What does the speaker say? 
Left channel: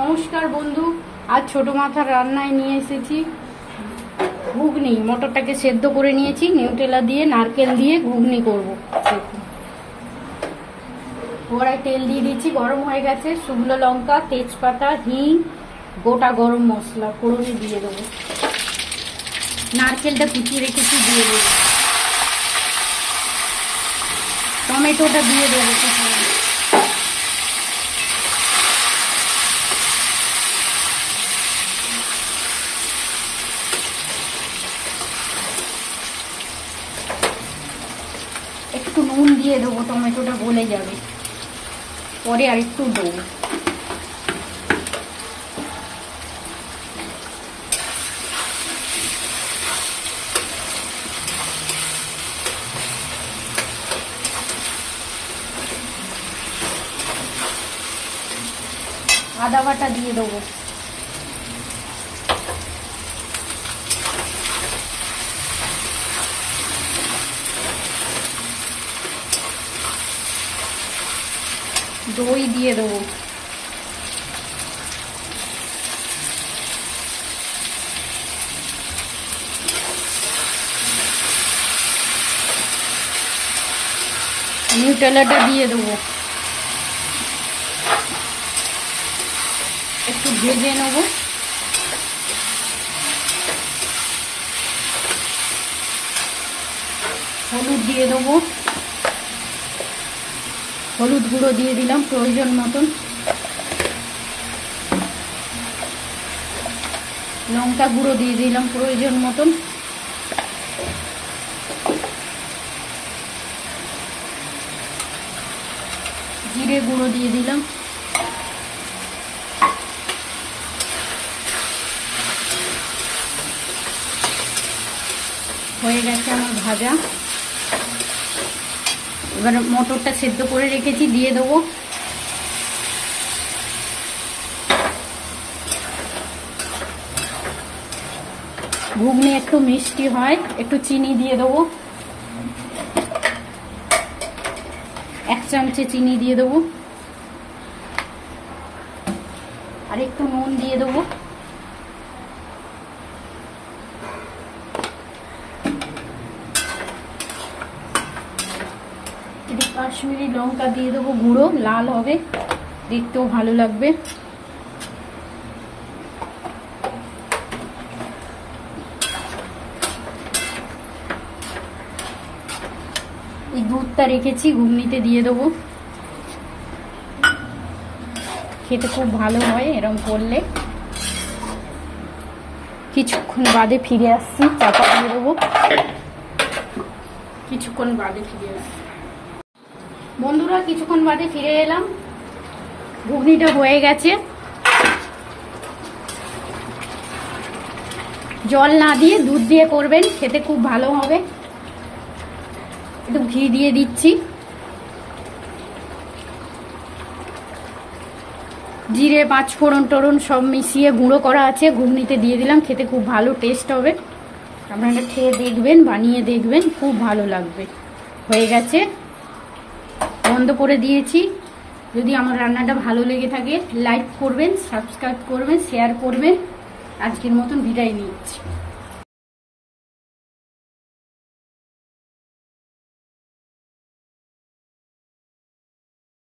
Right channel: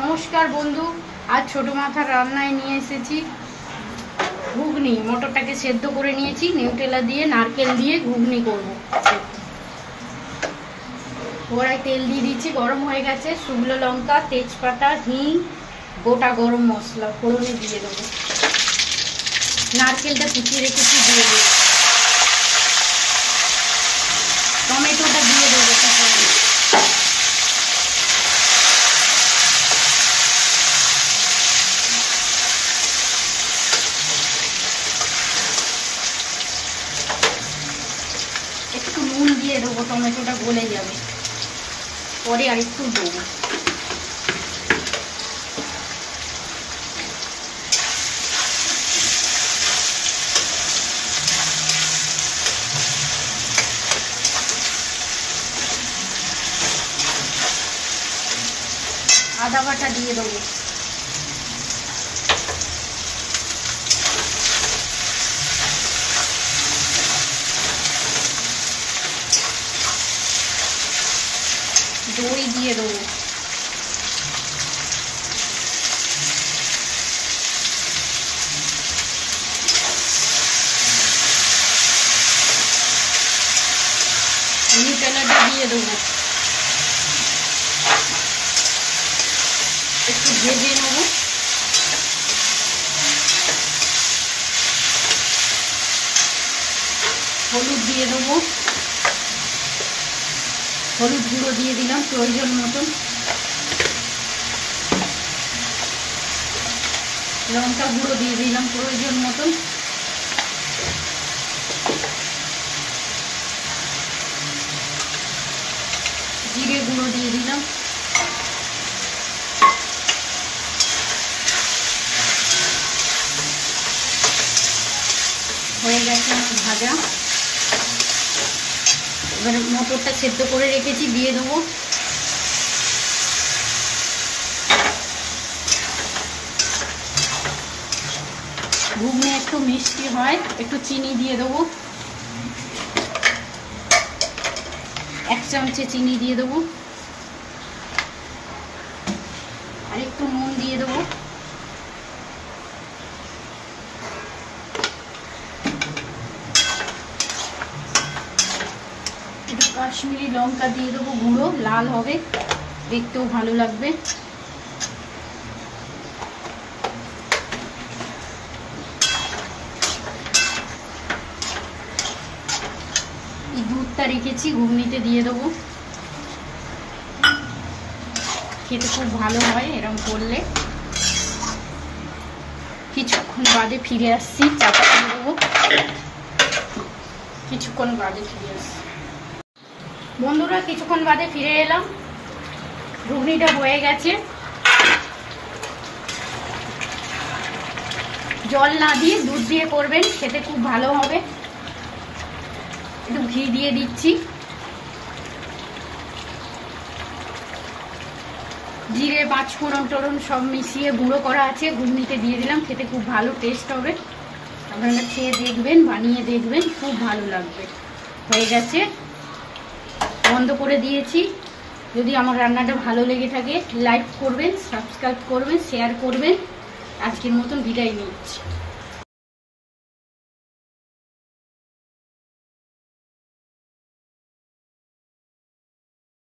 নমস্কার বন্ধু, আজ ছোট মাথার রান্নায় নিয়ে এসেছি ঘুগনি। মটরটাকে সেদ্ধ করে নিয়েছি, নিউটেলা দিয়ে নারকেল দিয়ে ঘুগনি করব। কড়াই তেল দিয়ে দিচ্ছি, গরম হয়ে গেছে। শুকনো লঙ্কা, তেজপাতা, হিং, গোটা গরম মশলা ফোড়নে দিয়ে দেবো। নারকেলটা কুচিয়ে রেখেছি দিয়ে দেবো। টমেটোটা দিয়ে দেবো। একটু নুন দিয়ে দেবো, টমেটোটা গলে যাবে, পরে আর একটু দেবো। আদা বাটা দিয়ে দেবো। দই দিয়ে দেবো। নিউটেলাটা দিয়ে দেবো, একটু ভেজে নেব। হলুদ দিয়ে দেবো, হলুদ গুঁড়ো দিয়ে দিলাম প্রয়োজন মতন। লঙ্কা গুঁড়ো দিয়ে দিলাম প্রয়োজন মতন। জিরে গুঁড়ো দিয়ে দিলাম। হয়ে গেছে আমার ভাজা। এবার মটরটা সেদ্ধ করে রেখেছি দিয়ে দেবো। ঘুগনি একটু মিষ্টি হয়, একটু চিনি দিয়ে দেবো। 1 চামচে চিনি দিয়ে দেবো, আর একটু নুন দিয়ে দেবো। একটু কাশ্মীরি লঙ্কা দিয়ে দেবো গুঁড়ো, লাল হবে, দেখতেও ভালো লাগবে। এই দুধটা রেখেছি ঘুগনিতে দিয়ে দেবো। খেতে খুব ভালো হয় এরকম করলে। কিছুক্ষণ বাদে ফিরে আসছি, চাপা দিয়ে দেবো। কিছুক্ষণ বাদে ফিরে আসছি বন্ধুরা, কিছুক্ষণ বাদে ফিরে এলাম। ঘুগনিটা হয়ে গেছে। জল না দিয়ে দুধ দিয়ে করবেন, খেতে খুব ভালো হবে। একটু ঘি দিয়ে দিচ্ছি। জিরে, 5 ফোড়ন টড়ন সব মিশিয়ে গুঁড়ো করা আছে, ঘুগনিতে দিয়ে দিলাম। খেতে খুব ভালো টেস্ট হবে। আপনারা খেয়ে দেখবেন, বানিয়ে দেখবেন, খুব ভালো লাগবে। হয়ে গেছে, বন্ধ করে দিয়েছি। যদি আমার রান্নাটা ভালো লেগে থাকে লাইক করবেন, সাবস্ক্রাইব করবেন, শেয়ার করবেন। আজকের মতন বিদায় নিচ্ছি।